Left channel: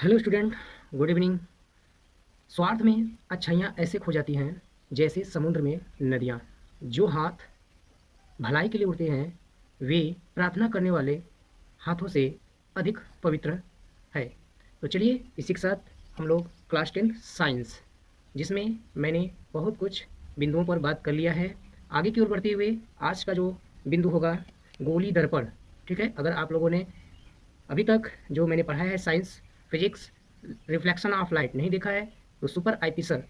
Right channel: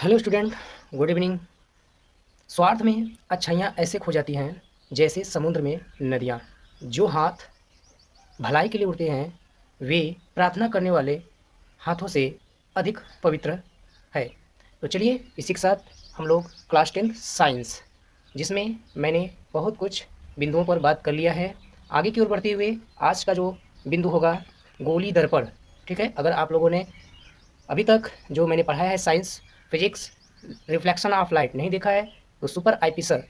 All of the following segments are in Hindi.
Hello student, good evening. स्वार्थ में अच्छाइयाँ ऐसे खो जाती हैं जैसे समुद्र में नदियाँ। जो हाथ भलाई के लिए उड़ते हैं वे प्रार्थना करने वाले हाथों से अधिक पवित्र है। तो चलिए इसी के साथ हम लोग क्लास 10 साइंस, जिसमें मैंने बहुत कुछ बिंदुओं पर बात कर लिया है। आगे की ओर बढ़ते हुए आज का जो बिंदु होगा गोली दर्पण। ठीक है, अगर आप लोगों ने अभी तक जो मैंने पढ़ाया है science, physics, reflection of light नहीं देखा है तो सुपर आईपी सर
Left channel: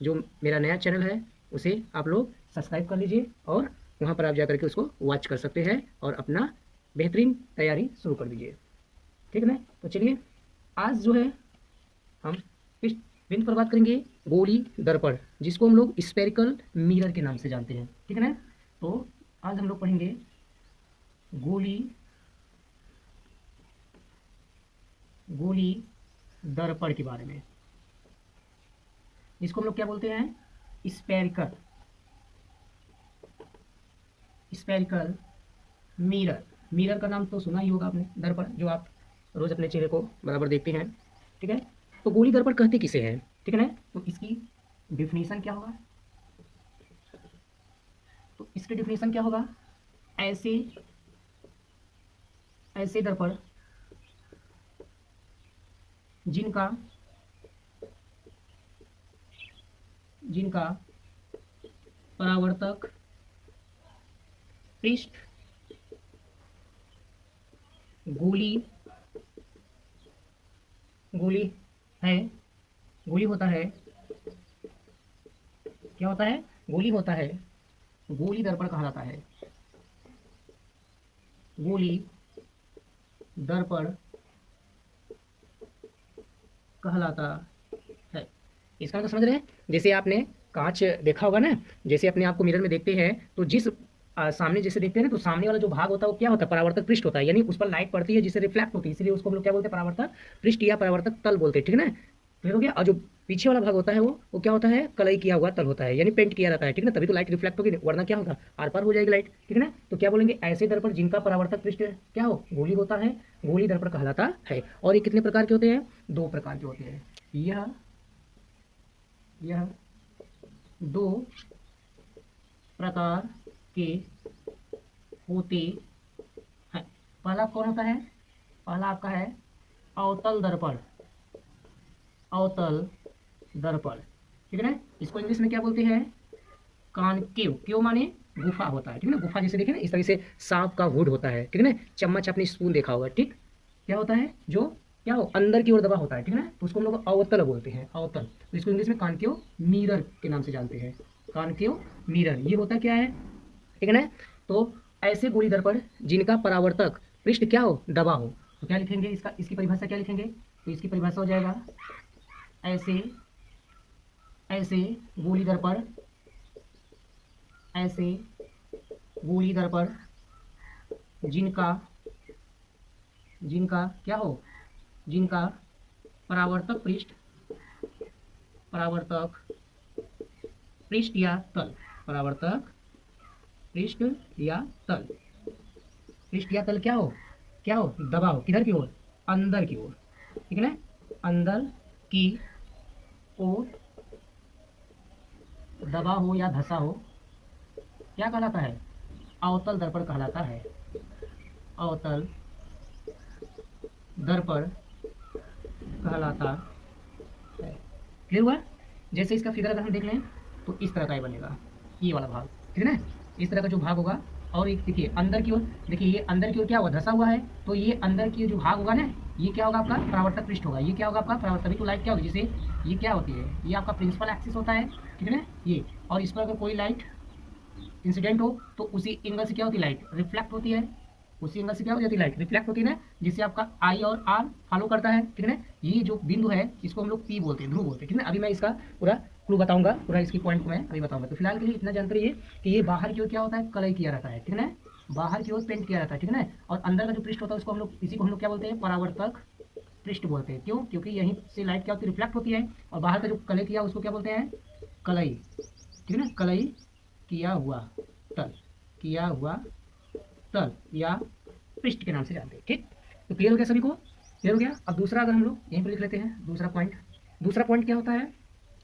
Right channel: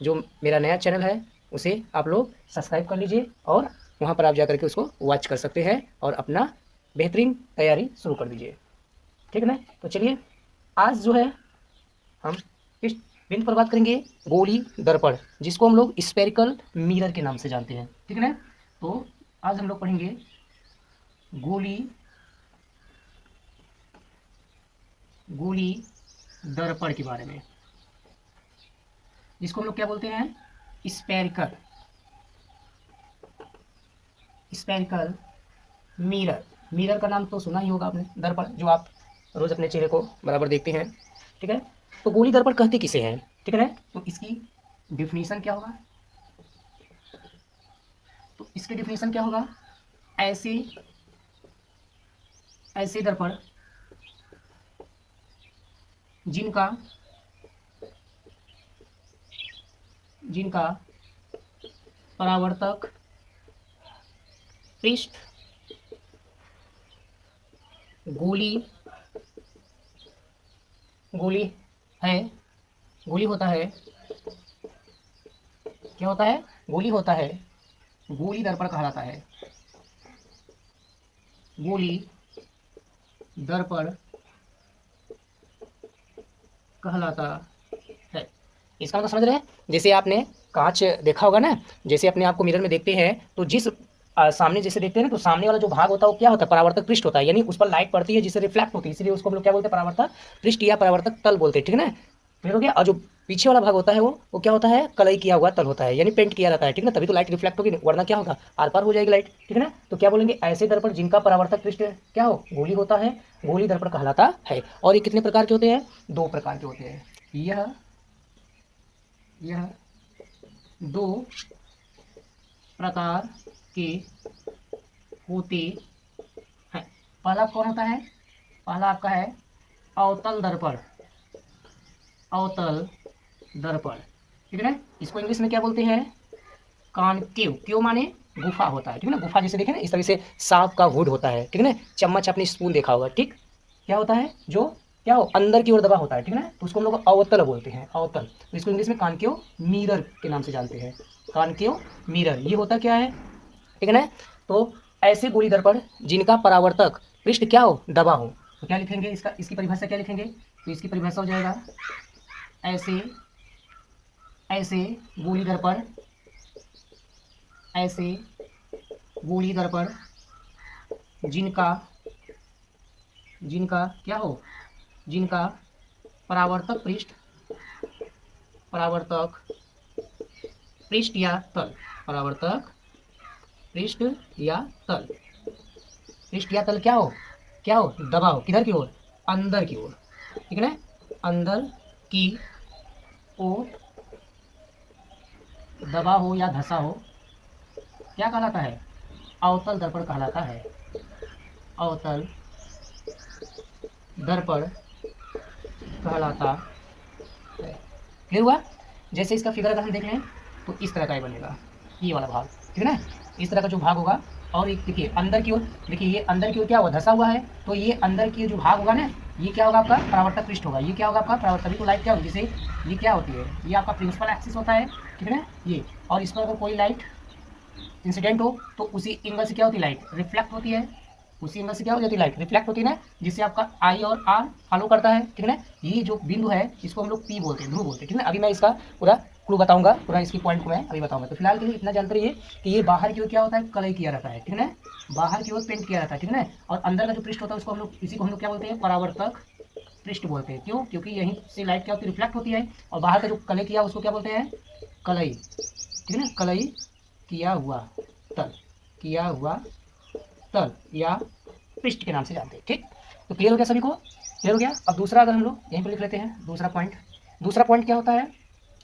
जो मेरा नया चैनल है उसे आप लोग सब्सक्राइब कर लीजिए और वहाँ पर आप जा करके उसको वॉच कर सकते हैं और अपना बेहतरीन तैयारी शुरू कर दीजिए। ठीक है ना? तो चलिए आज जो है हम इस बिंदु पर बात करेंगे गोली दर्पण, जिसको हम लोग स्पेरिकल मिरर के नाम से जानते हैं। ठीक है ना? तो आज हम लोग पढ़ेंगे गोली गोली दर्पण के बारे में, जिसको हम लोग क्या बोलते हैं? Spherical spherical mirror. मिरर का नाम तो सुना ही होगा आपने, दर्पण जो आप रोज अपने चेहरे को बराबर देखते हैं। ठीक है, तो गोली दर्पण कहते किसे हैं? ठीक है ना? तो इसकी डिफिनीशन क्या होगा? तो इसकी डिफिनीशन क्या होगा? ऐसे ऐसे दर्पण जिनका जिनका परावर्तक पृष्ठ गोली गोली है गोली होता है। क्या होता है? गोली होता है। गोली दर्पण कहलाता है। गोली दर्पण कहलाता है। इसका मतलब समझ रहे हैं? जैसे आपने कांच देखा होगा ना, जैसे अपने आप को मिरर में देखते हैं तो जिस सामने जैसे देखते हैं ना, तो सामने वाला जो भाग होता है वो क्या होता है? परावर्तक पृष्ठ होता है, यानी उस पर लाइट पड़ती है जिससे रिफ्लेक्ट होती है, इसलिए उसको हम लोग क्या बोलते हैं? परावर्तक पृष्ठ या परावर्तक तल बोलते हैं। ठीक है ना? फिर हो गया। और जो पीछे वाला भाग होता है वो क्या होता है? कलई किया हुआ तल होता है, यानी पेंट किया रहता है। ठीक है ना? तभी तो लाइट रिफ्लेक्ट होगी, वरना क्या होगा? आर पार हो जाएगी लाइट। ठीक है ना? तो क्या बोलेंगे? ऐसे दर्पण जिनका परावर्तक पृष्ठ क्या हो? गोली होता है, गोली दर्पण कहलाता है। और ये कितने प्रकार के होते हैं? दो प्रकार के होते हैं। यह दो प्रकार के होते हैं। पहला कौन होता है? पहला आपका है अवतल दर्पण। अवतल दर्पण। ठीक है ना? इसको इंग्लिश में क्या बोलते हैं? कॉनकेव। क्यों माने गुफा होता है। ठीक है ना? गुफा जैसे देखे ना, इस तरह से सांप का हुड होता है। ठीक है ना? चम्मच आपने स्पून देखा होगा। ठीक, क्या होता है? जो क्या हो, अंदर की ओर दबा होता है। ठीक है ना? तो उसको हम लोग अवतल बोलते हैं, अवतल। तो इसको इंग्लिश में कॉनकेव मिरर के नाम से जानते हैं। कॉनकेव मिरर ये होता क्या है? ठीक है ना? तो ऐसे गोली दर्पण जिनका परावर्तक पृष्ठ क्या हो? दबा हो। तो क्या लिखेंगे? इसकी परिभाषा क्या लिखेंगे? तो इसकी परिभाषा हो जाएगा ऐसे ऐसे गोली दर्पण ऐसे गोली दर्पण जिनका जिनका क्या हो? जिनका परावर्तक परावर्तक पृष्ठ या तल परावर्तक पृष्ठ या तल पृष्ठ या तल क्या हो? क्या हो? दबा हो। किधर की ओर? अंदर की ओर। ठीक है ना? अंदर की ओर दबा हो या धसा हो, क्या कहलाता है? अवतल दर्पण कहलाता है। अवतल दर्पण कहलाता है। क्लियर हुआ? जैसे इसका फिगर अगर हम देख लें तो इस तरह का ये बनेगा, ये वाला भाग। ठीक है ना? इस तरह का जो भाग होगा, और एक देखिए अंदर की ओर, देखिए ये अंदर की ओर क्या हुआ? धसा हुआ है। तो ये अंदर की जो भाग होगा ना, ये क्या होगा? आपका परावर्तक पृष्ठ होगा। ये क्या होगा? आपका परावर्तक। तभी तो लाइट क्या होगी? जैसे ये क्या होती है? ये आपका प्रिंसिपल एक्सिस होता है। ठीक है ना? ये, और इस पर अगर कोई लाइट इंसिडेंट हो तो उसी एंगल से क्या होती है? लाइट रिफ्लेक्ट होती है। उसी एंगल से क्या हो जाती है? लाइट रिफ्लेक्ट होती है ना, जिससे आपका आई और आर फॉलो करता है। ठीक है ना? ये जो बिंदु है इसको हम लोग पी बोलते हैं, ध्रुव बोलते हैं। ठीक है ना? अभी मैं इसका पूरा क्लू बताऊंगा, पूरा इसकी पॉइंट को मैं अभी बताऊंगा। तो फिलहाल के लिए इतना जानते रहिए कि ये बाहर की ओर क्या होता है? कलई किया रहता है। ठीक है ना? बाहर की ओर पेंट किया रहता है। ठीक है ना? और अंदर का जो पृष्ठ होता है उसको हम लोग, इसी को हम लोग क्या बोलते हैं? परावर्तक पृष्ठ बोलते हैं। क्यों? क्योंकि यहीं से लाइट क्या होती है? रिफ्लेक्ट होती है। और बाहर का जो कलई किया उसको क्या बोलते हैं? कलई। ठीक है ना? कलई किया हुआ तल, किया हुआ तल या पृष्ठ के नाम से जानते हैं। ठीक, तो क्लियर हो गया सभी को? क्लियर हो गया। अब दूसरा अगर हम लोग यहीं पर लिख लेते हैं दूसरा पॉइंट क्या होता है,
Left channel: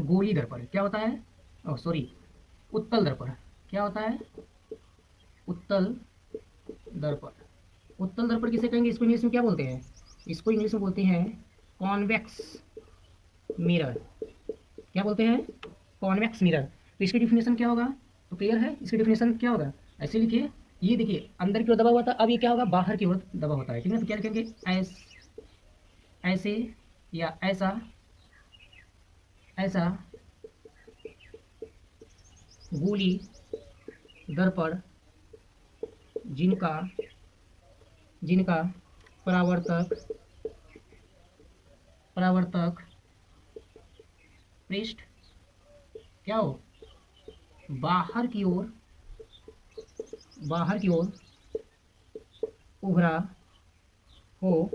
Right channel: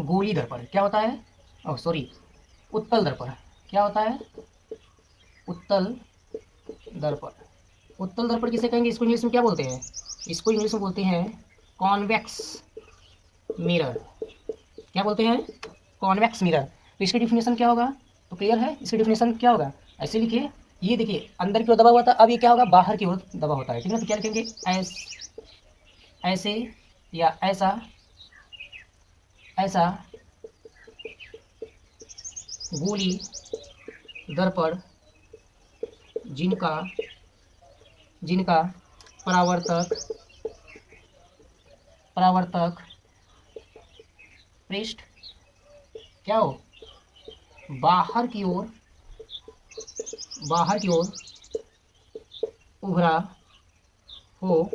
गोली दर्पण क्या होता है, ओह सॉरी, उत्तल दर्पण क्या होता है, उत्तल दर्पण। उत्तल दर्पण किसे कहेंगे, इसको इंग्लिश में क्या बोलते हैं, इसको इंग्लिश में बोलते हैं कॉन्वेक्स मिरर। क्या बोलते हैं, कॉन्वेक्स मिरर। तो इसकी डिफिनेशन क्या होगा, तो क्लियर है, इसकी डिफिनेशन क्या होगा, ऐसे लिखिए, ये देखिए अंदर की ओर दबा हुआ था, अब ये क्या होगा, बाहर की ओर दबा होता है, ठीक है। तो क्या लिखेंगे, ऐसे या ऐसा, ऐसा गोली दर्पण जिनका जिनका परावर्तक पृष्ठ क्या हो, बाहर की ओर उभरा हो।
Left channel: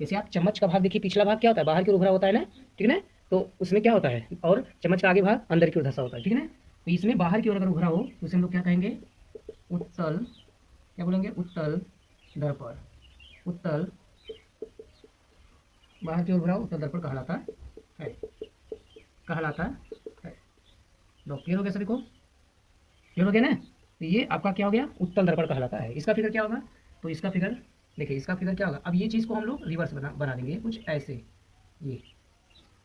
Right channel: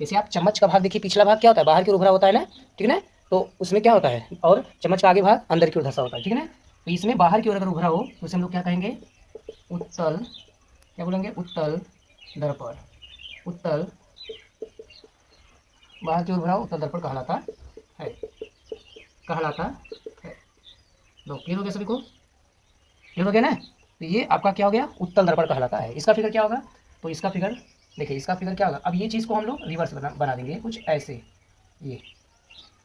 जैसे आप चम्मच का भाग देखिए, पिछला भाग क्या होता है, बाहर की ओर उभरा होता है ना, ठीक है ना। तो उसमें क्या होता है, और चम्मच का आगे भाग अंदर की ओर धंसा होता है, ठीक है ना। तो इसमें बाहर की ओर अगर उभरा हो तो उसे हम लोग क्या कहेंगे, उत्तल, क्या बोलेंगे, उत्तल दर्पण। उत्तल, बाहर की ओर उभरा हो, उत्तल दर्पण कहलाता है। तो क्लियर हो गया सभी को, क्लियर हो गया ना। तो ये आपका क्या हो गया, उत्तल दर्पण कहलाता है। इसका फिगर क्या होगा, तो इसका फिगर देखिए, इसका फिगर क्या होगा, अब ये चीज़ को हम लोग रिवर्स बना देंगे कुछ ऐसे, ये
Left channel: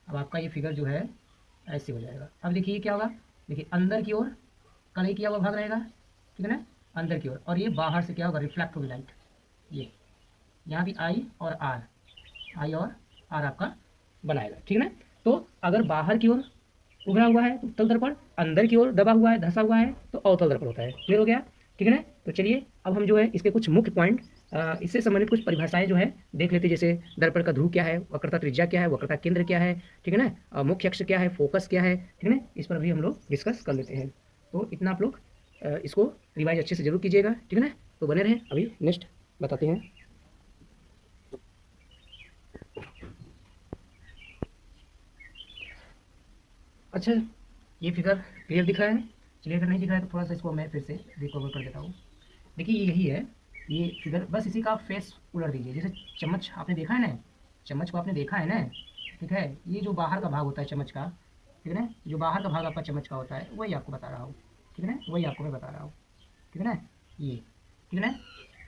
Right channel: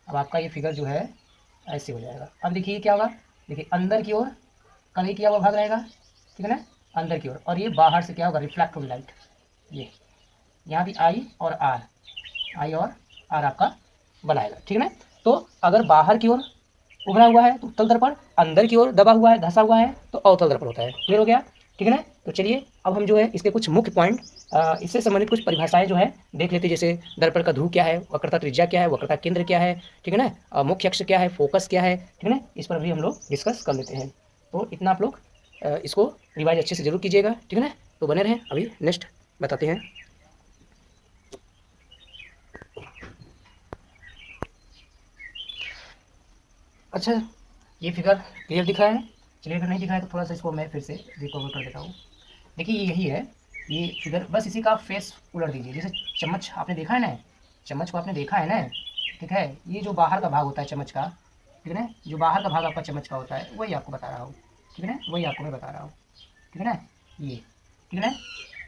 अब आपका ये फिगर जो है ऐसे हो जाएगा। अब देखिए ये क्या होगा, देखिए अंदर की ओर कलई किया हुआ भाग रहेगा, ठीक है ना, अंदर की ओर, और ये बाहर से क्या होगा, रिफ्लेक्ट होगी लाइट। ये यहाँ भी आई और आर आपका बनाएगा, ठीक है ना। तो अगर बाहर की ओर उभरा हुआ है तो उत्तल दर्पण, अंदर की ओर दबा हुआ है, धंसा हुआ है तो अवतल दर्पण होता है। क्लियर हो गया, ठीक है ना। तो चलिए अब हम जो है इसके कुछ मुख्य पॉइंट, इससे संबंधित कुछ परिभाषाएं जो है देख लेते हैं। जैसे दर्पण का ध्रुव क्या है, वक्रता त्रिज्या क्या है, वक्रता केंद्र क्या है, ठीक है ना, मुख्य अक्ष क्या है, फोकस क्या है, ठीक है ना, इस पर भी हम लोग डिस्कस कर लेते हैं। तो इतना आप लोग इसको रिवाइज अच्छे से जरूर कीजिएगा, ठीक है ना। तो बने रहें, अभी नेक्स्ट बताते हैं। अच्छा, ये फिगर क्लियर दिख रहा है, चलिए अगर नहीं दिख रहा है तो थोड़ा सा इसको मैं फिर से रिकवर कर देता हूँ। देखिए ये यही है, ये फिगर, बस इसी का फेस उलट दीजिए। जैसे चम्मच आपने देखा है ना, चम्मच को आपने देखा है ना, ठीक है, ये जो बाहर का भाग होता है चम्मच का, ठीक है ना, जो बाहर का भाग आपका चम्मच का होता है वही आपको बता रहा हूँ, ठीक है ना, वही आपको मैं बता रहा हूँ, ठीक है ना, ये, ठीक है ना।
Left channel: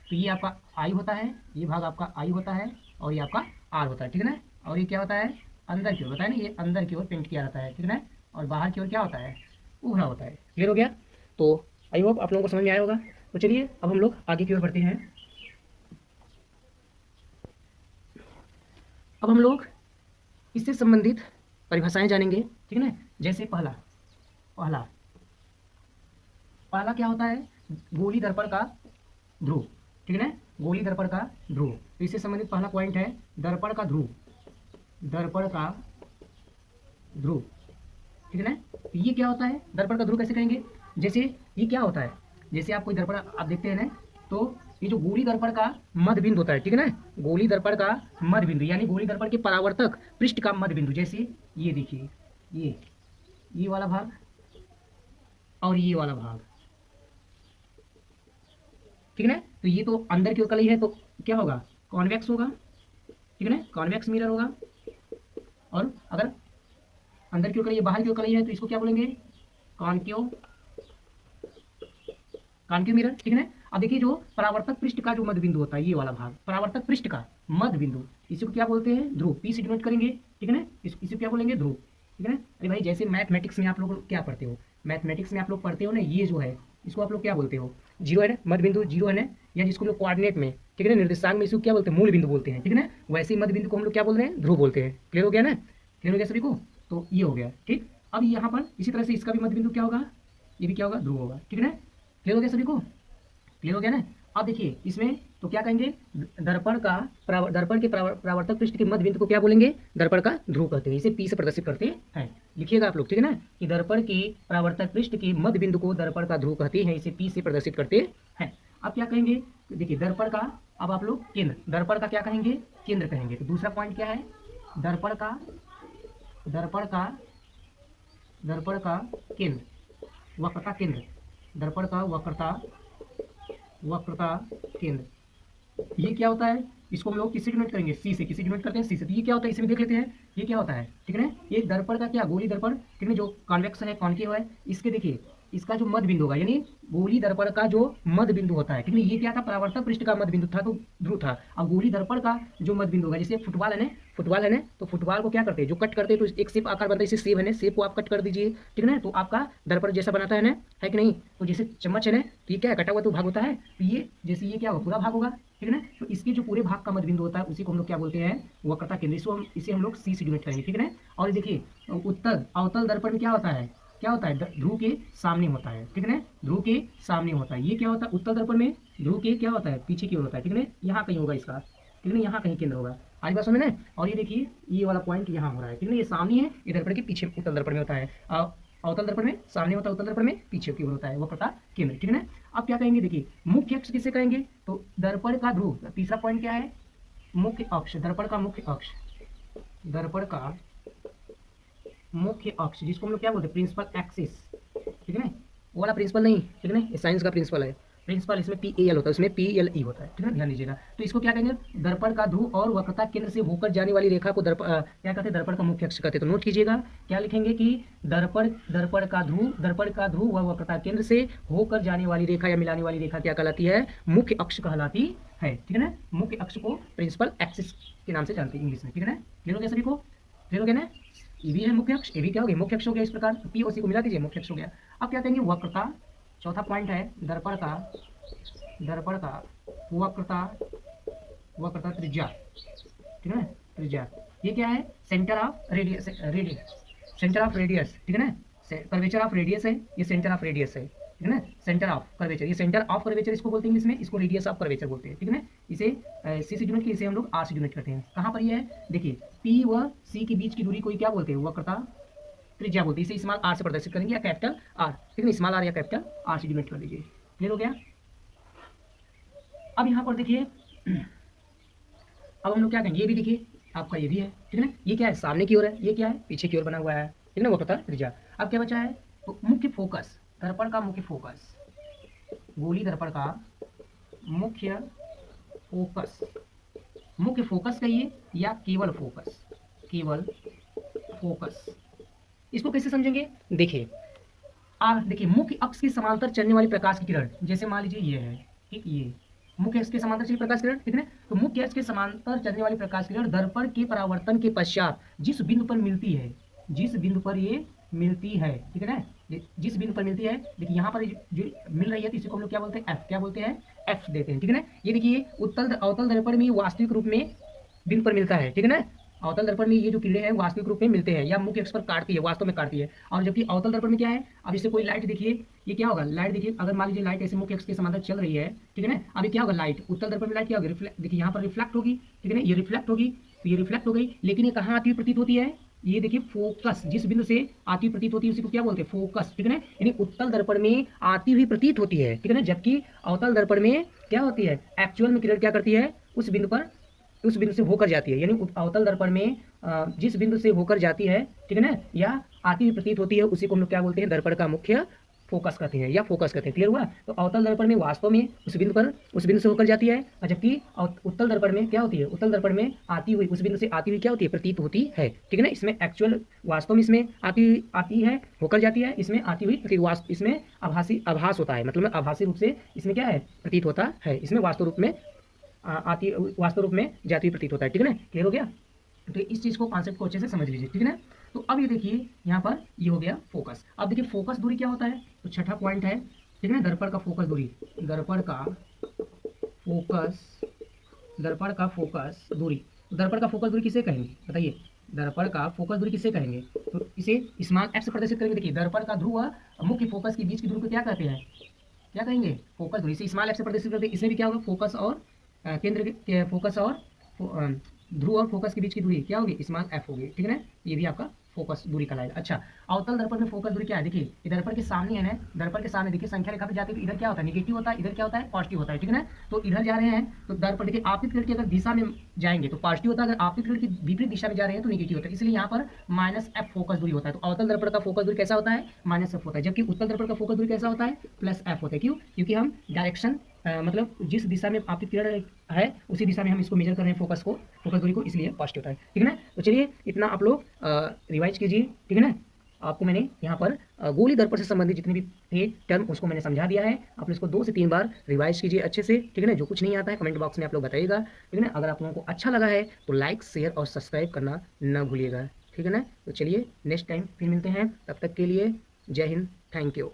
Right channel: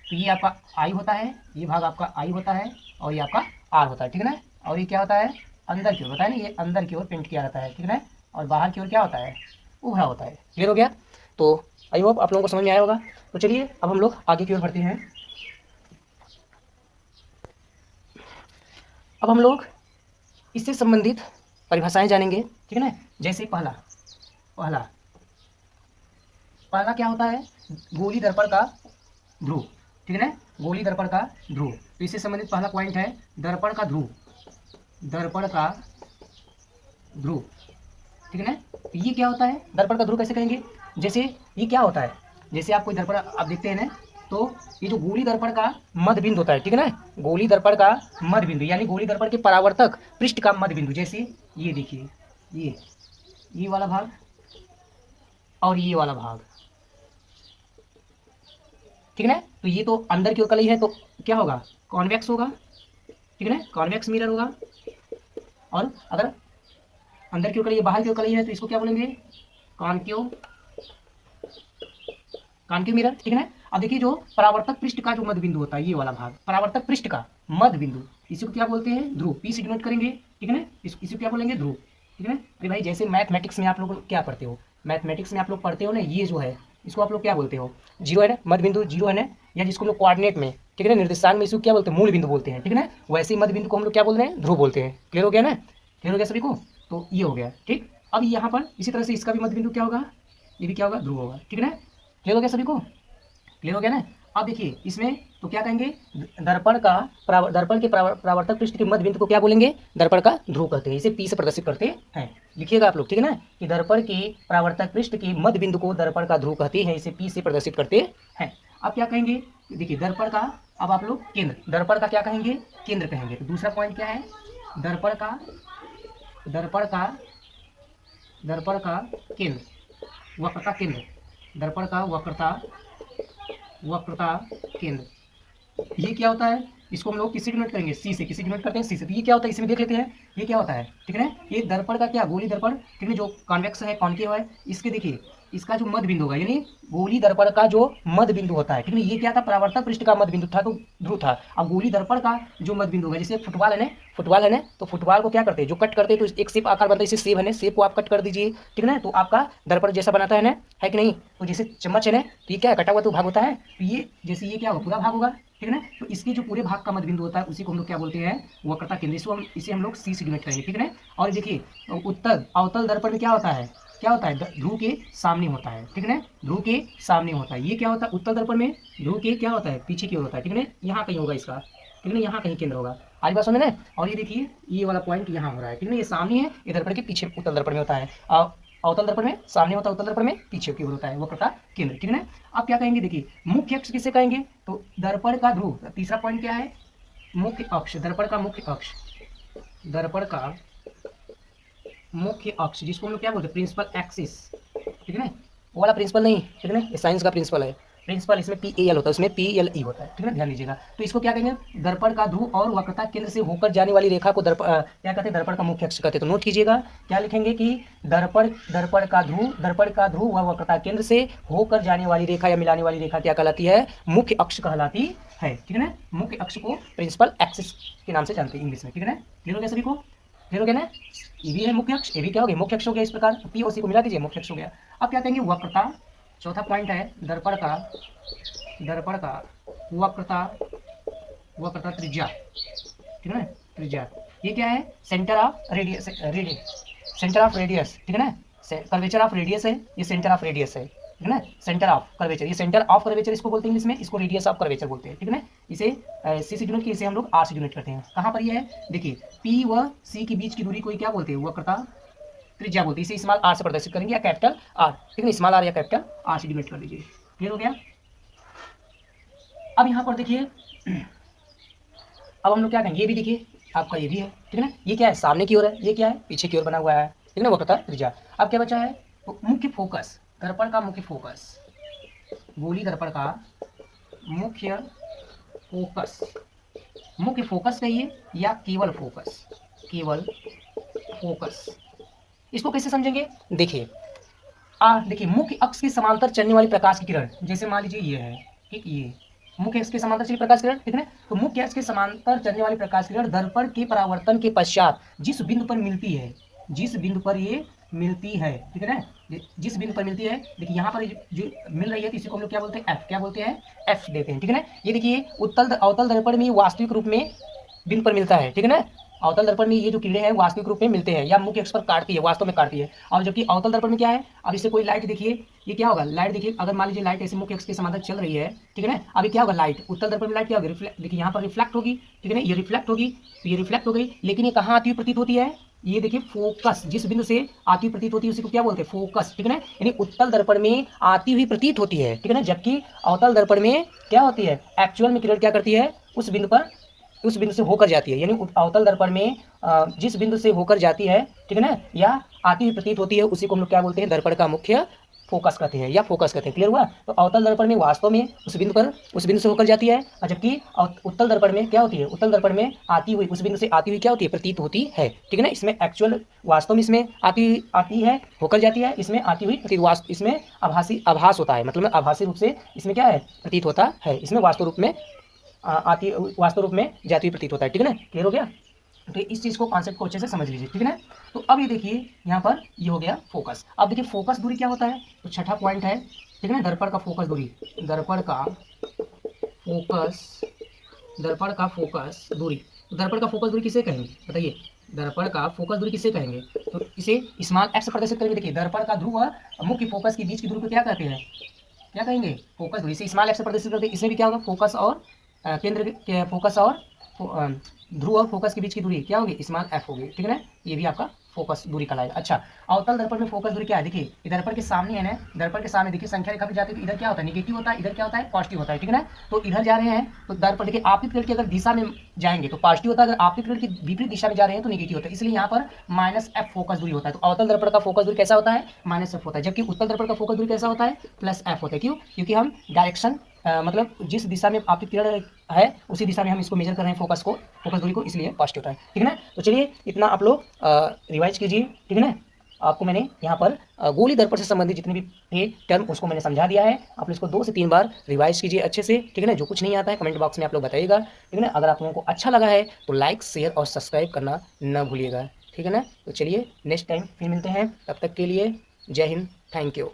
तो ये आपका आई होता है, ये भाग आपका आई होता है, और ये आपका आर होता है, ठीक है ना। और ये क्या होता है, अंदर की ओर, बताया ना, ये अंदर की ओर पेंट किया जाता है, ठीक है ना, और बाहर की ओर क्या होता है, उभरा होता है। क्लियर हो गया। तो आई होप आप लोगों को समझ में आया होगा। तो चलिए अब हम लोग आगे की ओर बढ़ते हैं। अब हम लोग इससे संबंधित परिभाषाएं जानेंगे, ठीक है ना। जैसे पहला पहला पहला क्या होता है, गोली दर्पण का ध्रुव, ठीक है ना, गोली दर्पण का ध्रुव। तो इससे संबंधित पहला पॉइंट है दर्पण का ध्रुव, दर्पण का ध्रुव, ठीक है ना। तो ये क्या होता है, दर्पण का ध्रुव कैसे कहेंगे, जैसे ये क्या होता है, जैसे आप कोई दर्पण आप देखते हैं ना, तो ये जो गोली दर्पण का मध्य बिंदु होता है, ठीक है ना, गोली दर्पण का मध्य बिंदु, यानी गोली दर्पण के परावर्तक पृष्ठ का मध्य बिंदु। जैसे ये देखिए, ये वाला भाग और ये वाला भाग, ठीक है ना। तो ये तो अंदर की ओर कलई है तो क्या होगा, कॉन्वेक्स होगा, ठीक है ना, कॉन्वेक्स मिरर होगा। और अगर अंदर की ओर कलई है, बाहर की ओर कलई है, तो इसको क्या बोलेंगे, कॉन्केव कॉन्केव मिरर, ठीक है ना। अब देखिए जो परावर्तक पृष्ठ का जो मध्य बिंदु होता है, ये वाला भाग, परावर्तक पृष्ठ का मध्य बिंदु, इसी को क्या बोलते हैं, ध्रुव। पी से डिनोट करेंगे, ठीक है ना, इसी को क्या बोलेंगे, ध्रुव, ठीक है ना। अरे भाई जैसे मैथमेटिक्स में आप लोग क्या पढ़ते हो, मैथमेटिक्स में आप लोग पढ़ते हो ना, ये जो है इसको आप लोग क्या बोलते हो, जीरो है ना, मध्य बिंदु जीरो है ना, या जिसको लोग कोऑर्डिनेट में, ठीक है ना, निर्देशांक में इसको क्या बोलते हैं, मूल बिंदु बोलते हैं, ठीक है ना। वैसे ही मध्य बिंदु को हम लोग क्या बोलते हैं, ध्रुव बोलते हैं। क्लियर हो गया ना, क्लियर हो गया सभी को। तो ये हो गया ठीक। अब यहाँ पर इसी तरह से इसका भी मध्य बिंदु क्या होगा, ये भी क्या होगा, ध्रुव होगा, ठीक है ना। क्लियर हो गया सभी को, क्लियर हो गया ना। अब देखिए इसमें तो क्या कहेंगे, दर्पण के परावर्तक पृष्ठ के मध्य बिंदु को क्या बोलेंगे, दर्पण का ध्रुव कहते हैं। इसे पी से प्रदर्शित करते हैं, लिखिएगा आप लोग, ठीक है ना, कि दर्पण के परावर्तक पृष्ठ के मध्य बिंदु को दर्पण का ध्रुव कहते हैं, इसे पी से प्रदर्शित करते हैं। अब क्या कहेंगे, देखिए दर्पण का, अब आप लोग केंद्र, दर्पण का क्या कहेंगे, केंद्र कहेंगे। तो दूसरा पॉइंट क्या है, दर्पण का दर्पण का दर्पण का केंद्र, वक्रता केंद्र, दर्पण का वक्रता केंद्र, ये क्या होता है, इसको हम लोग किससे डिनोट करेंगे, सी से। किससे डिनोट करते हैं, सी से। तो ये क्या होता है, इसमें देख लेते हैं ये क्या होता है, ठीक है ना। ये दर्पण का क्या, गोली दर्पण, ठीक है, जो कॉन्वेक्स है, कॉन्केव है, इसके देखिए इसका जो मध्य बिंदु होगा, यानी गोली दर्पण का जो मध्य बिंदु होता है, ठीक है, ये क्या था, परावर्तक पृष्ठ का मध्य बिंदु था, तो ध्रुव था। अब गोली दर्पण का जो मध्य बिंदु होगा, जैसे फुटबॉल है ना, फुटबॉल है ना, तो फुटबॉल को क्या करते हैं, जो कट करते हैं तो एक शेप आकार बनता है, इसे सेब है ना, सेब को आप कट कर दीजिए, ठीक है ना, तो आपका दर्पण जैसा बनाता है कि नहीं। तो जैसे चम्मच है ना, तो ये क्या है, कटा हुआ तो भाग होता है, तो ये जैसे ये क्या होगा, पूरा भाग होगा, ठीक है ना। तो इसके जो पूरे भाग का मध्य बिंदु होता है उसी को हम लोग क्या बोलते हैं, वक्रता केंद्र। इसको इसे हम लोग सी से डिनोट करेंगे, ठीक है ना। और देखिए उत्तर अवतल दर्पण में क्या होता है, क्या होता है, ध्रुव के सामने होता है, ठीक है ना, ध्रुव के सामने होता है। ये क्या होता है, उत्तल दर्पण में ध्रुव के क्या होता है, पीछे की ओर होता है, ठीक है ना, यहाँ कहीं होगा इसका, ठीक है ना, यहाँ कहीं केंद्र होगा। आज बात समझ में। और ये देखिए ये वाला पॉइंट यहाँ हो रहा है, ठीक है ना, ये सामने है, ये दर्पण के पीछे उत्तल दर्पण में होता है, अवतल दर्पण में सामने होता है, उत्तल दर्पण में पीछे की ओर होता है, वक्रता केंद्र, ठीक है ना। अब क्या कहेंगे, देखिए मुख्य अक्ष किसे कहेंगे, तो दर्पण का ध्रुव, तीसरा पॉइंट क्या है, मुख्य अक्ष, दर्पण का मुख्य अक्ष, दर्पण का मुख्य अक्ष, जिसको हम लोग क्या बोलते हैं, प्रिंसिपल एक्सिस, ठीक है ना, वो वाला प्रिंसिपल नहीं, ठीक है ना, ये साइंस का प्रिंसिपल है, प्रिंसिपल इसमें PAL होता है, उसमें PLE होता है, ठीक है ना, ध्यान दीजिएगा। तो इसको क्या कहेंगे, दर्पण का ध्रुव और वक्रता केंद्र से होकर जाने वाली रेखा को क्या कहते हैं, दर्पण का मुख्य अक्ष कहते हैं। तो नोट कीजिएगा, क्या लिखेंगे कि दर्पण दर्पण का ध्रुव व वक्रता केंद्र से होकर जाने वाली रेखा या मिलाने वाली रेखा क्या कहलाती है, मुख्य अक्ष कहलाती है, ठीक है ना। मुख्य अक्ष को प्रिंसिपल एक्सिस के नाम से जानते हैं इंग्लिश में, ठीक है ना। क्लियर हो गया सभी को, क्लियर हो गया ना। ये भी है मुख्य अक्ष, ये भी क्या हो गया, मुख्य अक्ष हो गया। इस प्रकार P और C को मिला दीजिए, मुख्य अक्ष हो गया। अब क्या कहेंगे, वक्रता, चौथा पॉइंट है दर्पण का वक्रता, वक्रता त्रिज्या, ठीक है ना, त्रिज्या। ये क्या है, centre of radius, centre of radius, ठीक है ना, कर्वेचर ऑफ रेडियस है, ये सेंटर ऑफ रेडियस है, ठीक है ना, सेंटर ऑफ कर्वेचर, ये सेंटर ऑफ कर्वेचर इसको बोलते हैं इंग्लिश में, इसको रेडियस ऑफ कर्वेचर बोलते हैं, ठीक है ना। इसे सी से यूनिट की, इसे हम लोग आर से यूनिट करते हैं। कहाँ पर ये है, देखिए P व C के बीच की दूरी को क्या बोलते हैं, वक्रता त्रिज्या बोलते हैं। इसे स्मॉल आर से प्रदर्शित करेंगे या कैपिटल आर, ठीक है, स्मॉल आर या कैपिटल आर से यूनिट कर दीजिए। क्लियर हो गया। अब यहाँ पर देखिए, अब हम लोग क्या कहेंगे, ये भी देखिए आपका ये भी है, ठीक है ना, ये क्या है, सामने की ओर है, ये क्या है, पीछे की ओर बना हुआ है, ठीक है ना, वक्रता त्रिज्या। अब क्या बचा है, तो मुख्य फोकस, दर्पण का मुख्य फोकस, गोली दर्पण का मुख्य फोकस, मुख्य फोकस कहिए या केवल फोकस, केवल फोकस, इसको कैसे समझेंगे, देखिए देखिए मुख्य अक्ष के समांतर चलने वाली प्रकाश की किरण, जैसे मान लीजिए ये है, ठीक, ये मुख्य अक्ष के समांतर चली प्रकाश किरण, ठीक है ना। तो मुख्य अक्ष के समांतर चलने वाली प्रकाश किरण दर्पण के परावर्तन के पश्चात जिस बिंदु पर मिलती है, जिस बिंदु पर ये मिलती है, ठीक है ना, जिस बिंदु पर मिलती है, देखिए यहाँ पर जो मिल रही है तो इसी को हम लोग क्या बोलते हैं, F, क्या बोलते हैं, F देते हैं, ठीक है ना। ये देखिए उत्तल अवतल दर्पण में वास्तविक रूप में बिंदु पर मिलता है, ठीक है ना। अवतल दर्पण में ये जो किरणें हैं वास्तविक रूप में मिलते हैं या मुख्य अक्ष पर काटती है, वास्तव में काटती है। और जबकि अवतल दर्पण में क्या है, अब इससे कोई लाइट देखिए, ये क्या होगा, लाइट देखिए, अगर मान लीजिए लाइट ऐसे मुख्य अक्ष के समांतर चल रही है, ठीक है ना, अभी क्या होगा, लाइट उत्तल दर्पण में लाइट क्या होगी, रिफ्लेक्ट, देखिए यहाँ पर रिफ्लेक्ट होगी, ठीक है ना, ये रिफ्लेक्ट होगी, तो ये रिफ्लेक्ट हो गई, लेकिन ये कहाँ आती हुई प्रतीत होती है, ये देखिए फोकस, जिस बिंदु से आती हुई प्रतीत होती है उसी को क्या बोलते हैं, फोकस, ठीक है ना, यानी उत्तल दर्पण में आती हुई प्रतीत होती है, ठीक है ना, जबकि अवतल दर्पण में क्या होती है, एक्चुअल में किरण क्या करती है, उस बिंदु से होकर जाती है, यानी अवतल दर्पण में जिस बिंदु से होकर जाती है, ठीक है ना, या आती हुई प्रतीत होती है, उसी को हम लोग क्या बोलते हैं, दर्पण का मुख्य फोकस कहते हैं या फोकस कहते हैं। क्लियर हुआ। तो अवतल दर्पण में वास्तव में उस बिंदु से होकर जाती है, और जबकि उत्तल दर्पण में क्या होती है, उत्तल दर्पण में आती हुई, उस बिंदु से आती हुई क्या होती है, प्रतीत होती है, ठीक है ना। इसमें एक्चुअल वास्तव में इसमें आती है, होकर जाती है, इसमें आती हुई प्रतीत, इसमें आभास होता है, मतलब आभासी रूप से इसमें क्या है, प्रतीत होता है, इसमें वास्तव रूप में वास्तव रूप में जाती हुई प्रतीत होता है, ठीक है ना। क्लियर हो गया। तो इस चीज़ को, कॉन्सेप्ट को अच्छे से समझ लीजिए, ठीक है ना। तो अब ये देखिए यहाँ पर ये हो गया फोकस। अब देखिए फोकस दूरी क्या होता है, तो छठा पॉइंट है, ठीक है ना, दर्पण का फोकस दूरी, दर्पण का फोकस दूरी, तो दर्पण का फोकस दूरी किसे कहेंगे बताइए, दर्पण का फोकस दूरी किसे कहेंगे, तो इसे स्मॉल f से प्रदर्शित करेंगे। देखिए दर्पण का ध्रुव और मुख्य फोकस के बीच की दूरी को क्या कहते हैं, क्या कहेंगे, फोकस दूरी, इसे स्मॉल f से प्रदर्शित करते हैं। इसमें भी क्या होगा, फोकस और केंद्र के फोकस और ध्रुव और फोकस के बीच की दूरी क्या होगी, स्मॉल f होगी, ठीक है ना। ये भी आपका फोकस दूरी कहलाएगा। अच्छा, अवतल दर्पण में फोकस दूरी क्या है, देखिए दर्पण के सामने है ना, दर्पण के सामने देखिए संख्या रेखा पे जाते हैं, इधर क्या होता है, नेगेटिव होता है, इधर क्या होता है, पॉजिटिव होता है, ठीक है ना। तो इधर जा रहे हैं तो दर्पण देखिए आपतित किरण की अगर दिशा में जाएंगे तो पॉजिटिव होता है, अगर आपतित किरण की विपरीत दिशा में जा रहे हैं तो नेगेटिव होता है, इसलिए यहाँ पर -f फोकस दूरी होता है। तो अवतल दर्पण का फोकस दूरी कैसा होता है, -f होता है, जबकि उत्तल दर्पण का फोकस दूरी कैसा होता है, +f होता है। क्यों, क्योंकि हम डायरेक्शन मतलब जिस दिशा में आपकी किरण है उसी दिशा में हम इसको मेजर कर रहे हैं, फोकस दूरी को, इसलिए पॉजिटिव टाइम। ठीक है ना। तो चलिए इतना आप लोग रिवाइज कीजिए। ठीक है ना। आपको मैंने यहाँ पर गोली दर्पण से संबंधित जितने भी थे टर्म उसको मैंने समझा दिया है। आप इसको 2 से 3 बार रिवाइज कीजिए अच्छे से। ठीक है ना। जो कुछ नहीं आता है कमेंट बॉक्स में आप लोग बताइएगा। ठीक है ना। अगर आप लोगों को अच्छा लगा है तो लाइक, शेयर और सब्सक्राइब करना ना भूलिएगा। ठीक है ना। तो चलिए नेक्स्ट टाइम फिर मिलते हैं, तब तक के लिए जय हिंद, थैंक यू।